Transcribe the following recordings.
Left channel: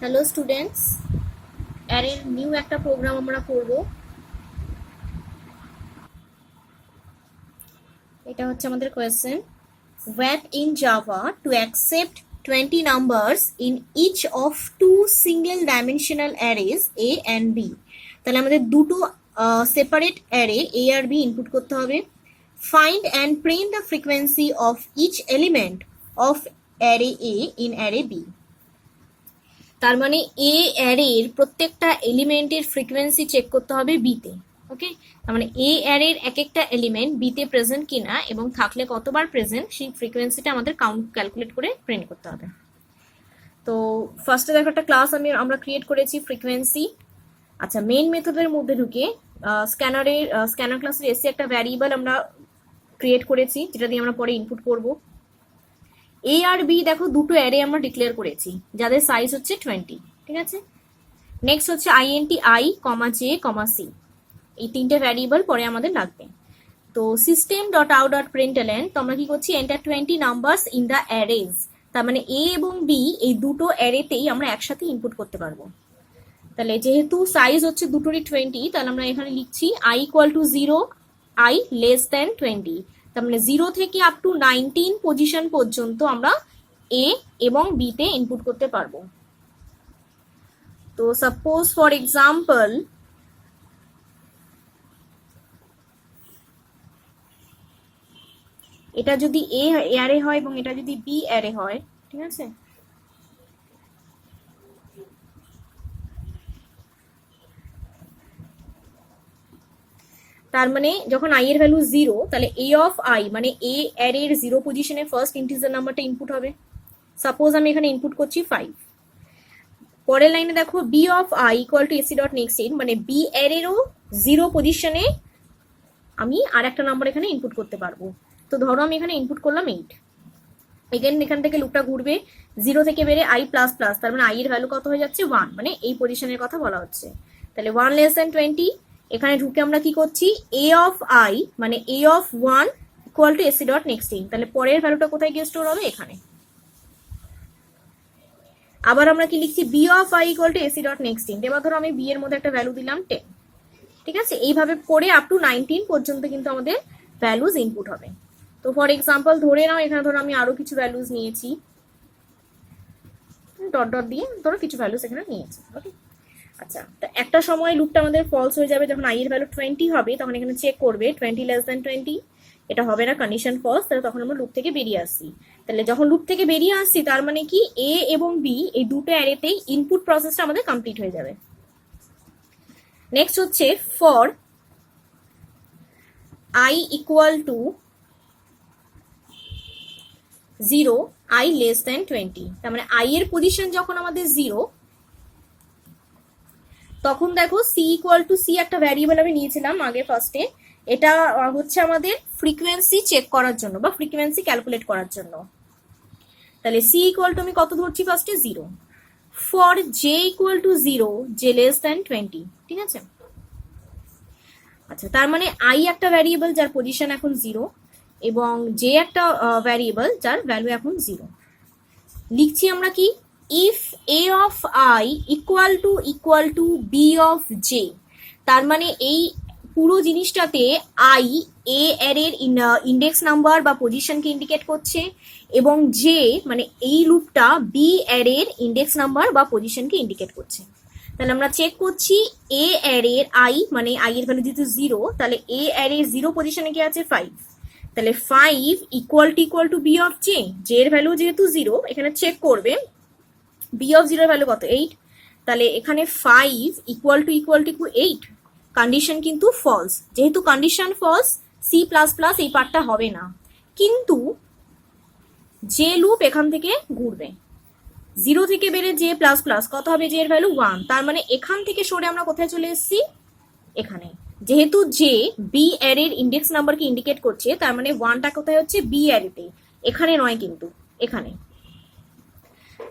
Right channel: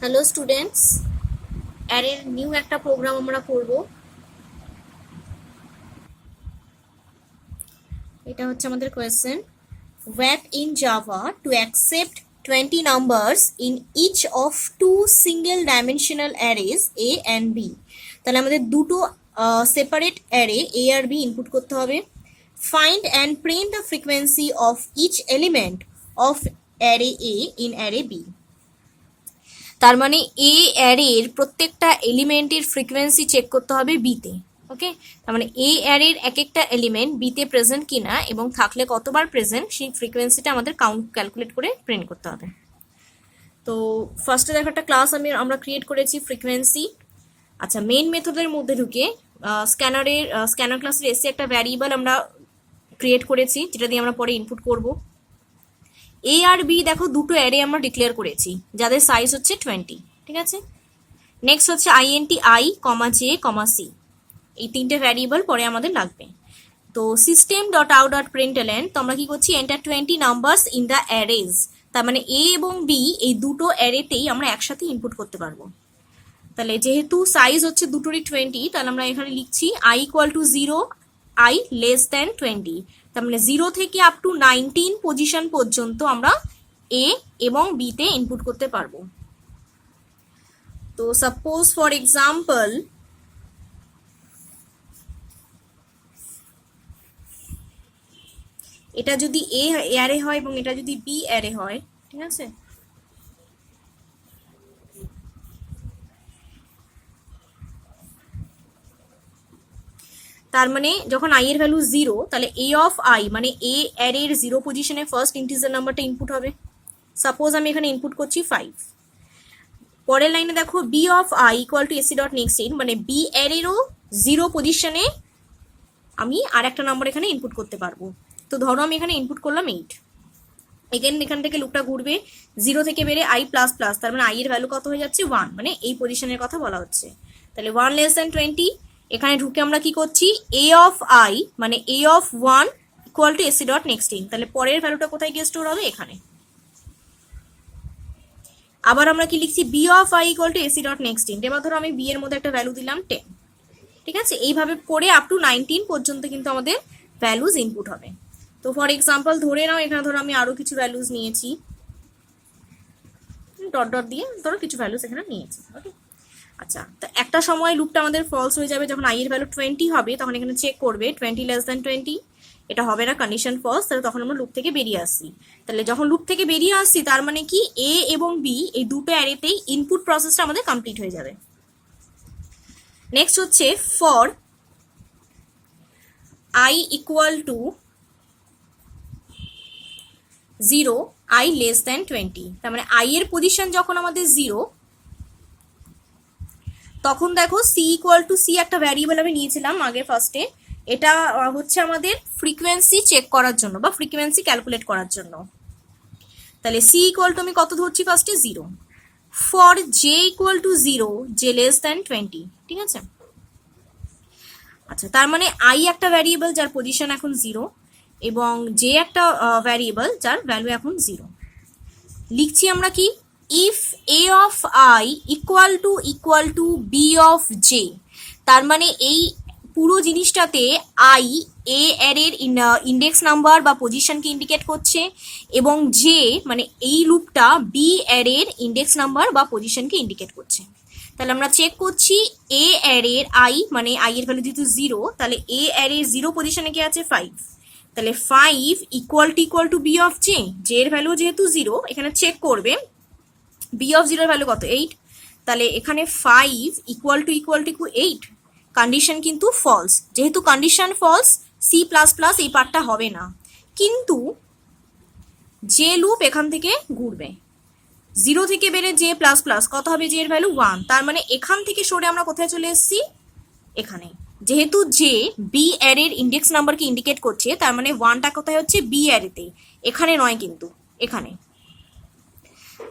Hello students, অ্যারের new একটা programme আমরা করব। এটা হচ্ছে আমাদের question, wrap in Java to accept 20 numbers in each of two single dimensional arrays A and B। তাহলে আমাদের দুটো সেপারেট অ্যারে A আর B ইনপুট করতে হবে। Find and print the frequency of each element of array A in array B। তার মানে এ অ্যারের প্রত্যেকটা এলিমেন্টের ফ্রিকোয়েন্সি চেক করতে হবে বিতে। ওকে, তার মানে এ অ্যারের এক একটা এলিমেন্ট বিতে প্রেজেন্ট কিনা এবং থাকলে কতবার প্রেজেন্ট সেই ফ্রিকোয়েন্সিটা আমাদের কাউন্ট ক্যালকুলেট করে প্রিন্ট করতে হবে। তো ফার্স্টে দেখো একটা ক্লাস আমরা ক্রিয়েট করেছি ফ্রিকোয়েন্সি। আচ্ছা, মেইন মেথডের মধ্যে ঢুকে স্ক্যানার ক্লাসের এসে একটা ভ্যারিয়েবল আমরা ক্রিয়েট করেছি যেটা দিয়ে আমরা পরে ইনপুট করব। এ আর বি দেখো দুটো অ্যারে আমরা ডিক্লেয়ার করেছি যাদের সাইজ হচ্ছে 20। ঠিক আছে, নেক্সট হচ্ছে INT I comma J comma C, এই তিনটে ভ্যারিয়েবল পরে আমাদের লাগবে। তো system dot out dot println তো আমরা কি করছি, enter 20 numbers in the arrays. তার মানে এ এবং বি এই দুটো অ্যারেতেই আমরা একসাথে ইনপুট করতে পারবো। তাহলে যেহেতু সাইজ হচ্ছে দুটোরই 20, তাহলে আমরা এখানে লিখছি I equal two 0, I less than 20। তার মানে 0 থেকে আপ টু 19 পজিশন পর্যন্ত আমরা এ এবং বি তে ইনপুট করতে পারবো। তো সাপোজ ফর এক্সাম্পল এটা যদি এ অ্যারে হয় এবং এটা যদি বি অ্যারে হয়, ঠিক আছে, তার মানে যখন আই এর ভ্যালু 0, তাহলে এ অফ আই মানে এ অ্যারের 0 পজিশনে ফার্স্ট ইন্টিজার নাম্বারটা ইনপুট হবে। সাপোজ আমি এখানে ইনপুট করছি 5। পরের লাইনে দেখো B of I equal to AC dot next int, মানে বি অ্যারেরও 0 পজিশনে আমি আর একটা নাম্বার এখানে ইনপুট করতে পারবো। তো ধরো আমি এখানে ইনপুট করলাম 8। এগেন এখান থেকে লুপটা ঘুরবে, 0 থেকে বেড়ে আই প্লাস প্লাস, তার মানে আই এর ভ্যালু কত হয়ে যাচ্ছে 1, মানে এই পজিশনের কথা বলা হচ্ছে। তাহলে 1 লেস দেন 20, এখানে ঢুকে আমরা কি করছি, এ অফ আই মানে A of 1 equal to AC dot next in, তাহলে পরের ভ্যালুটা কোথায় গিয়ে স্টোর হবে, এখানে। আবার আমরা কি লিখছি, B of I equal to AC dot next int, এবার ধরো আমি বি এর মধ্যে একটা ভ্যালু দিলাম 10। ঠিক আছে, এইভাবে করে আপ টু 19 পর্যন্ত কিন্তু আমাদের ভ্যালুজ ইনপুট হবে। তো ফর এক্সাম্পল ধরে নাও এখানে ধরো আমি আরো কিছু ভ্যালুজ নিয়েছি, ডট ডট দিয়ে ধরো কিছু ভ্যালুস এখানে নিয়েছি। ওকে, আচ্ছা, তো একটা সময় লুপটা আমাদের ফলস হয়ে যাবে, যখন আই এর ভ্যালু 20 হবে তখন এখানে চেক করবে 20 লেস দেন 20, এটা হবে না, কন্ডিশন ফলস, তাহলে তখন আমরা লুপ থেকে বেরিয়ে আসছি। তাহলে যখন লুপ থেকে বেরিয়ে আসছি তার মানে কি এ এবং বি এই দুটো অ্যারেতেই ইনপুট প্রসেসটা আমাদের কমপ্লিট হয়ে যাবে। নেক্সট হচ্ছে for I equal two 0, I less than 20, তার মানে আই এর পজিশন যখন আমাদের 0, তখন দেখো সি ইকুয়াল টু সি একটা ভ্যারিয়েবল আমি নিয়েছিলাম আগে ফার্স্টে, এটা হচ্ছে আমাদের ফ্রিকোয়েন্সি চেক করার জন্য বা ফ্রিকোয়েন্সি ক্যালকুলেট করার জন্য। তাহলে সি ইকুয়াল টু আমি কত ধরছি ফার্স্টে 0। For J equal to 0, J less than 20। ঠিক আছে, আচ্ছা, তার মানে আই একটা ভ্যারিয়েবল যার পজিশন এখন 0 এবং জে একটা ভ্যারিয়েবল যার ভ্যালু এখন 0। লিখছি আমরা কি, if A of I equal to B of J, তার মানে এই পুরো জিনিসটাতে আই এ অ্যারের ইন্ডেক্স নাম্বার বা পজিশনকে ইন্ডিকেট করছে এবং জে মানে এই লুপটা বি অ্যারের ইন্ডেক্স নাম্বার বা পজিশনকে ইন্ডিকেট করছে। তাহলে আমরা চেক করছি এ অ্যারের আই মানে আই এর ভ্যালু যেহেতু 0, তাহলে এ অ্যারের 0 পজিশনে কি আছে 5, তাহলে 5 equal to B of J, J এর ভ্যালু যেহেতু 0 এখানে চেক করবে বি অফ 0 এর ভ্যালু কত 8, তাহলে এখানে 5 ইকুয়াল টু 8, কন্ডিশন কিন্তু ফলস, যেহেতু condition false C plus plus এই পার্টটা হবে না, কিন্তু যে লুপ এখান থেকে ঘুরবে 0 থেকে বেড়ে জে প্লাস প্লাস কত হবে, জে এর ভ্যালু 1, তার মানে এখান থেকে সরে আমরা কোথায় চলে এসেছি, এখানে। যেহেতু জে বি অ্যারের ইন্ডেক্স নাম্বারকে ইন্ডিকেট করছে, তার মানে 1টা কোথায় হচ্ছে বি অ্যারেতে, এখানে নয় কিন্তু এখানে।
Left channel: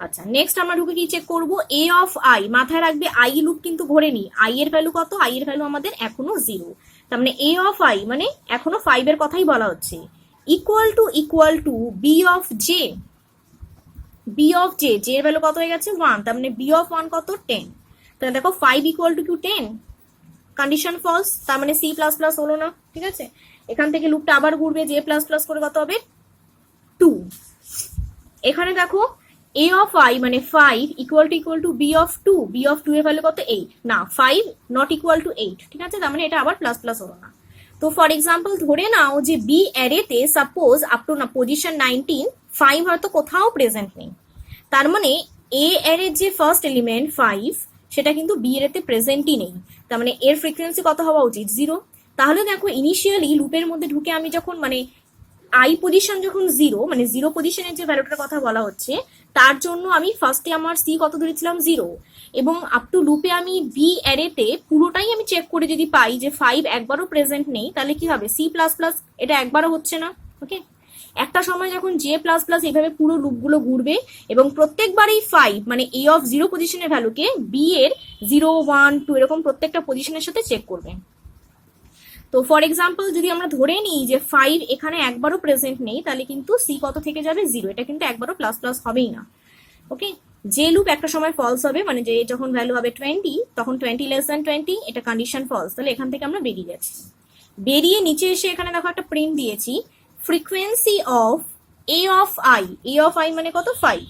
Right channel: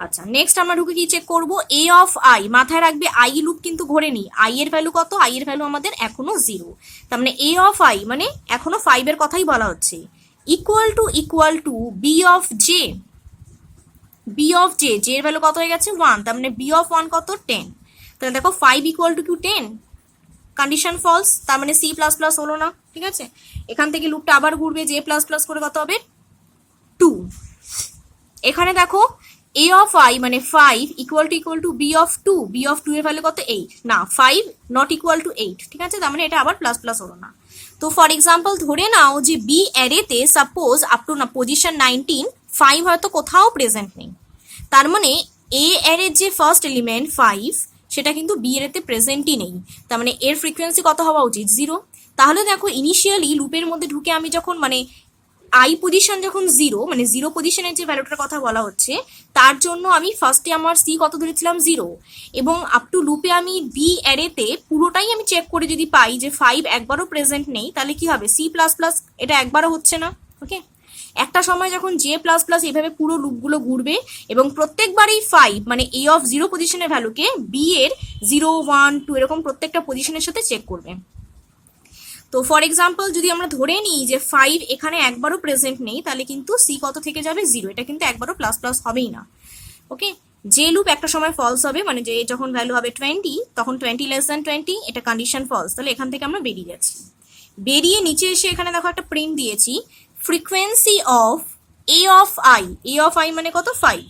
আচ্ছা, নেক্সট আমরা ঢুকে কি চেক করব, এ অফ আই, মাথায় রাখবে আই লুপ কিন্তু ঘোরেনি, আই এর ভ্যালু কত, আই এর ভ্যালু আমাদের এখনো 0, তার মানে এ অফ আই মানে এখনো 5 এর কথাই বলা হচ্ছে, equal to B of J, B of J, J এর ভ্যালু কত হয়ে গেছে 1, তার মানে বি অফ 1 কত 10। তাহলে দেখো 5 ইকুয়াল টু 10, কন্ডিশন ফলস, তার মানে সি প্লাস প্লাস হলো না। ঠিক আছে, এখান থেকে লুপটা আবার ঘুরবে, জে প্লাস প্লাস করে কত হবে 2। এখানে দেখো a অফ i মানে 5 equal to b of 2, b of 2 এর ভ্যালু কত 8, না 5 নট ইকুয়াল টু 8। ঠিক আছে, তার মানে এটা আবার প্লাস প্লাস হলো না। তো ফর এক্সাম্পল ধরে নাও যে বি অ্যারেতে সাপোজ আপ টু না পজিশন 19 5 হয়তো কোথাও প্রেজেন্ট নেই, তার মানে এ অ্যারের যে ফার্স্ট এলিমেন্ট 5 সেটা কিন্তু বি অ্যারেতে প্রেজেন্টই নেই, তার মানে এর ফ্রিকোয়েন্সি কত হওয়া উচিত 0। তাহলে দেখো ইনিশিয়ালি লুপের মধ্যে ঢুকে আমি যখন মানে আই পজিশন যখন 0, মানে 0 পজিশনের যে ভ্যালুটার কথা বলা হচ্ছে তার জন্য আমি ফার্স্টে আমার সি কত ধরেছিলাম 0, এবং আপ টু লুপে আমি বি অ্যারেতে পুরোটাই আমি চেক করে যদি পাই যে 5 একবারও প্রেজেন্ট নেই, তাহলে কি হবে সি প্লাস প্লাস, এটা একবারও হচ্ছে না। ওকে, একটা সময় যখন জে প্লাস প্লাস এইভাবে পুরো লুপগুলো ঘুরবে এবং প্রত্যেকবারই 5 মানে এ অফ 0 পজিশনের ভ্যালুকে বি এর 0 1 2 এরকম প্রত্যেকটা পজিশনের সাথে চেক করবে। তো ফর এক্সাম্পল যদি আমরা ধরে নিই যে 5 এখানে একবারও প্রেজেন্ট নেই, তাহলে কিন্তু সি কত থেকে যাবে 0, এটা কিন্তু একবারও প্লাস প্লাস হবেই না। ওকে, যে লুপ একটা সময় ফলস হবে, মানে যে যখন ভ্যালু হবে 20 তখন 20 লেস দ্যান 20, এটা কন্ডিশন ফলস, তাহলে এখান থেকে আমরা বেরিয়ে যাচ্ছি। বেরিয়ে নিচে এসে এখানে দেখো একটা প্রিন্ট দিয়েছি, frequency of A of I, A of I মানে কত 5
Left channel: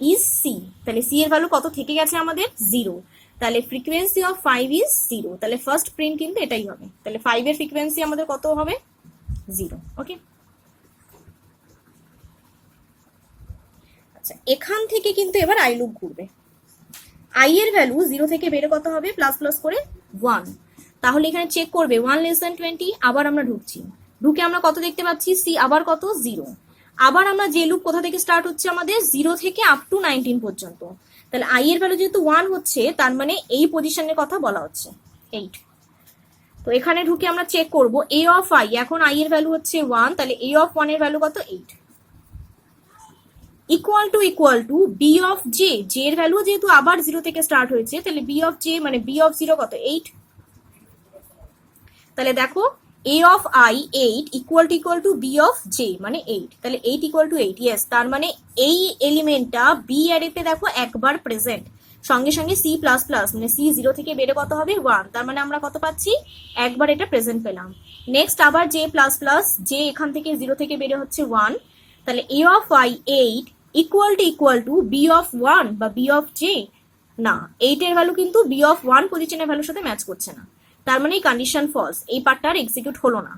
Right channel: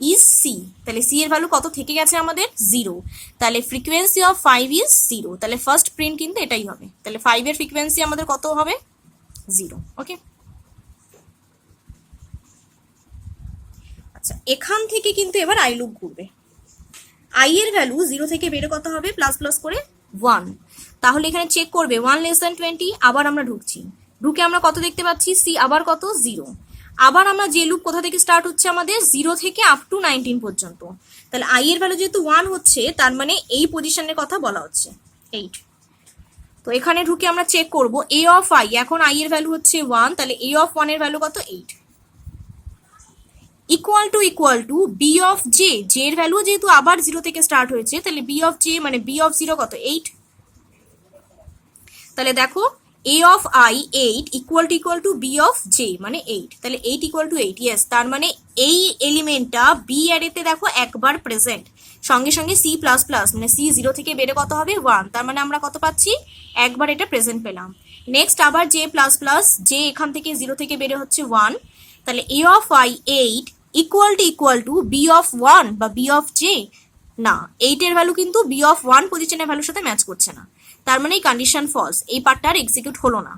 ইজ সি, তাহলে সি এর ভ্যালু কত থেকে গেছে আমাদের 0, তাহলে ফ্রিকোয়েন্সি অফ 5 ইজ 0, তাহলে ফার্স্ট প্রিন্ট কিন্তু এটাই হবে, তাহলে 5 এর ফ্রিকোয়েন্সি আমাদের কত হবে 0। ওকে, আচ্ছা এখান থেকে কিন্তু এবার আই লুপ ঘুরবে, আই এর ভ্যালু 0 থেকে বেড়ে কত হবে প্লাস প্লাস করে 1, তাহলে এখানে চেক করবে 1 লেস দ্যান 20, আবার আমরা ঢুকছি, ঢুকে আমরা কত দেখতে পাচ্ছি সি আবার কত 0, আবার আমরা যে লুপ কোথা থেকে স্টার্ট হচ্ছে আমাদের 0 থেকে আপ টু 19 পর্যন্ত, তাহলে আই এর ভ্যালু যেহেতু 1 হচ্ছে তার মানে এই পজিশনের কথা বলা হচ্ছে 8। তো এখানে ঢুকে আমরা চেক করব এ অফ আই, এখন আই এর ভ্যালু হচ্ছে 1, তাহলে এ অফ 1 এর ভ্যালু কত 8, equal to B of J, J এর ভ্যালু যেহেতু আবার 0 থেকে স্টার্ট হয়েছে, তাহলে বি অফ জে মানে বি অফ 0 কত 8, তাহলে দেখো a of i 8 equal to b of j মানে 8, তাহলে 8 ইকুয়াল টু 8, ইয়েস, তার মানে এই এলিমেন্টটা বি অ্যারেতে দেখো একবার প্রেজেন্ট, সঙ্গে সঙ্গে c প্লাস প্লাস মানে c 0 থেকে বেড়ে কত হবে 1, তার মানে আমরা কত পাচ্ছি একবার এটা প্রেজেন্ট পেলাম। নেক্সট আবার j প্লাস প্লাস, j এখান থেকে 0 থেকে বেড়ে হচ্ছে 1, তাহলে a of i 8 equal to b of 1 বা b অফ j, না 8 এর ভ্যালু কিন্তু b অফ 1 পজিশনের ভ্যালুর সাথে ম্যাচ করছে না, তার মানে এই কন্ডিশন ফলস, এই পার্টটা আর এক্সিকিউট হলো না।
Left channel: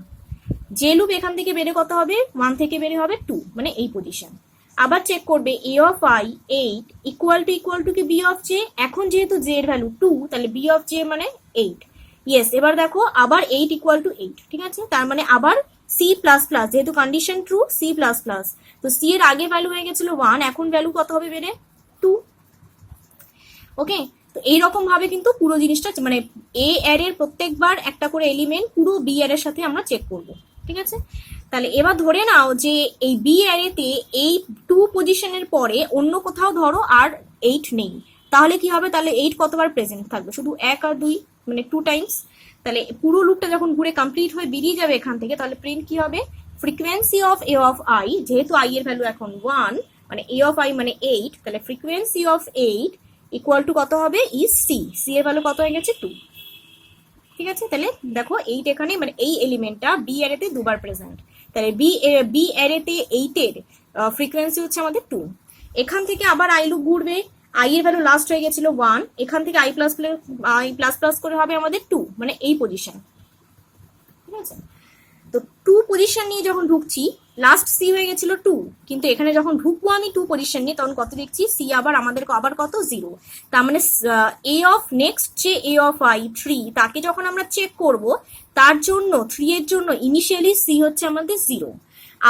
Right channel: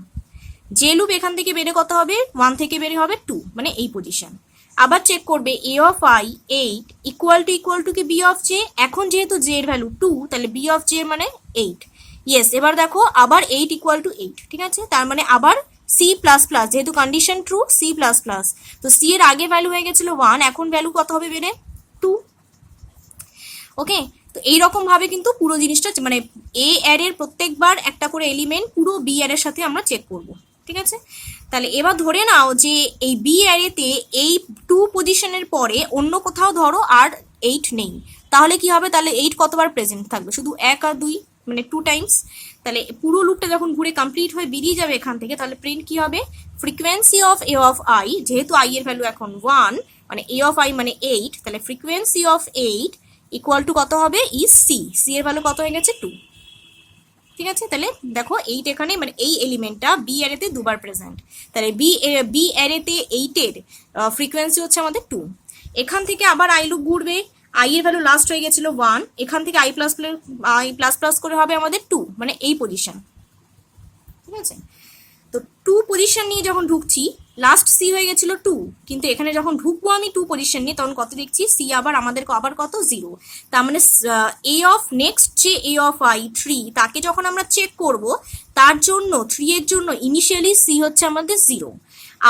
যে লুপ এখান থেকে বেড়ে কত হবে 1 থেকে বেড়ে হবে 2, মানে এই পজিশন। আবার চেক করবে a of i 8 equal two কি b অফ j, এখন যেহেতু j এর ভ্যালু 2 তাহলে b অফ j মানে 8, ইয়েস, এবার দেখো আবার 8 ইকুয়াল টু 8, ঠিক আছে, তার মানে আবার c প্লাস প্লাস, যেহেতু condition true c plus plus, তো c এর আগে ভ্যালু হয়ে গেছিল 1, এখন ভ্যালু কত হবে বেড়ে 2। ওকে, তো এইরকম ভাবে কিন্তু পুরো জিনিসটা মানে এ অ্যারের প্রত্যেকবার একটা করে এলিমেন্ট পুরো বি অ্যারের সাথে আমরা চেক করব, ঠিক আছে। তাহলে এবার ধরে নাও যে এই বি অ্যারেতে এই 2 পজিশনের পরে অন্য কোথাও ধরো আর 8 নেই, তাহলে কি হবে, তাহলে 8 কতবার প্রেজেন্ট থাকবে, শুধু 1 আর 2 মানে 2 টাইমস, তাহলে পুরো লুপটা যখন ঘুরে কমপ্লিট হয়ে বেরিয়ে যাবে এখান থেকে, তাহলে প্রিন্ট কি হবে frequency of A of I, যেহেতু আই এর ভ্যালু এখন 1 মানে এ অফ আই মানে 8, তাহলে ফ্রিকোয়েন্সি অফ 8 ইকুয়াল টু কত হবে ইজ সি, সি এর ভ্যালু কত হয়ে গেছে 2, ঠিক আছে। তাহলে দেখো 8 এখানে মানে এই এলিমেন্টটা বি অ্যারেতে দুবার প্রেজেন্ট, তাহলে বি অ্যারেতে 8 এর ফ্রিকোয়েন্সি হচ্ছে আমাদের 2। এখান থেকে আবার আই লুপ ঘুরবে, আই এর ভ্যালু লাস্ট হয়ে গেছিল 1, এখান থেকে আই প্লাস প্লাস করে হবে আমাদের 2, মানে এই পজিশন, ঠিক আছে। তো 2 পজিশন নিয়ে যখন ঢুকছি, লাস্ট সি হয়ে গেছিল 2, কিন্তু এখানে যখন ঢুকবো আমি 2 পজিশন নিয়ে তখন কত দেখছি সি আবার আমাদের আবার কত 0, তার মানে এ অফ নেক্সট যে এ অফ আই 3 তাকে যখন আমরা চেক করব তার জন্য 3 এর জন্য ইনিশিয়ালি সি হচ্ছে আমাদের 0,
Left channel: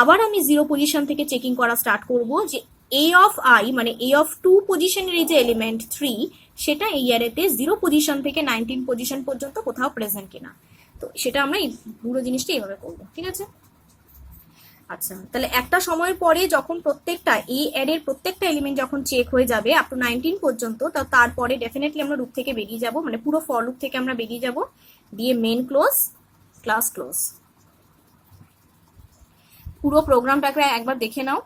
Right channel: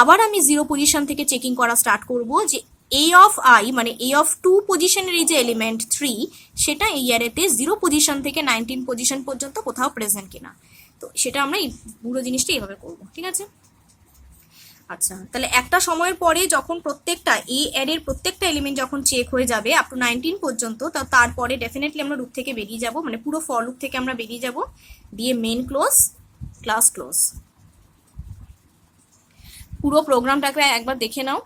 আবার আমি 0 পজিশন থেকে চেকিং করা স্টার্ট করব যে এ অফ আই মানে এ অফ 2 পজিশনের এই যে এলিমেন্ট 3 সেটা এই অ্যারেতে 0 পজিশন থেকে 19 পজিশন পর্যন্ত কোথাও প্রেজেন্ট কিনা, তো সেটা আমরা এই পুরো জিনিসটা এইভাবে করবো, ঠিক আছে। আচ্ছা, তাহলে একটা সময়ের পরে যখন প্রত্যেকটা এই অ্যারের প্রত্যেকটা এলিমেন্ট যখন চেক হয়ে যাবে আপ টু 19 পর্যন্ত, তারপরে ডেফিনেটলি আমরা লুপ থেকে বেরিয়ে যাব, মানে পুরো ফর লুপ থেকে আমরা বেরিয়ে যাব, দিয়ে মেন ক্লোজ ক্লাস ক্লোজ। পুরো প্রোগ্রামটাকে একবার দেখে নাও।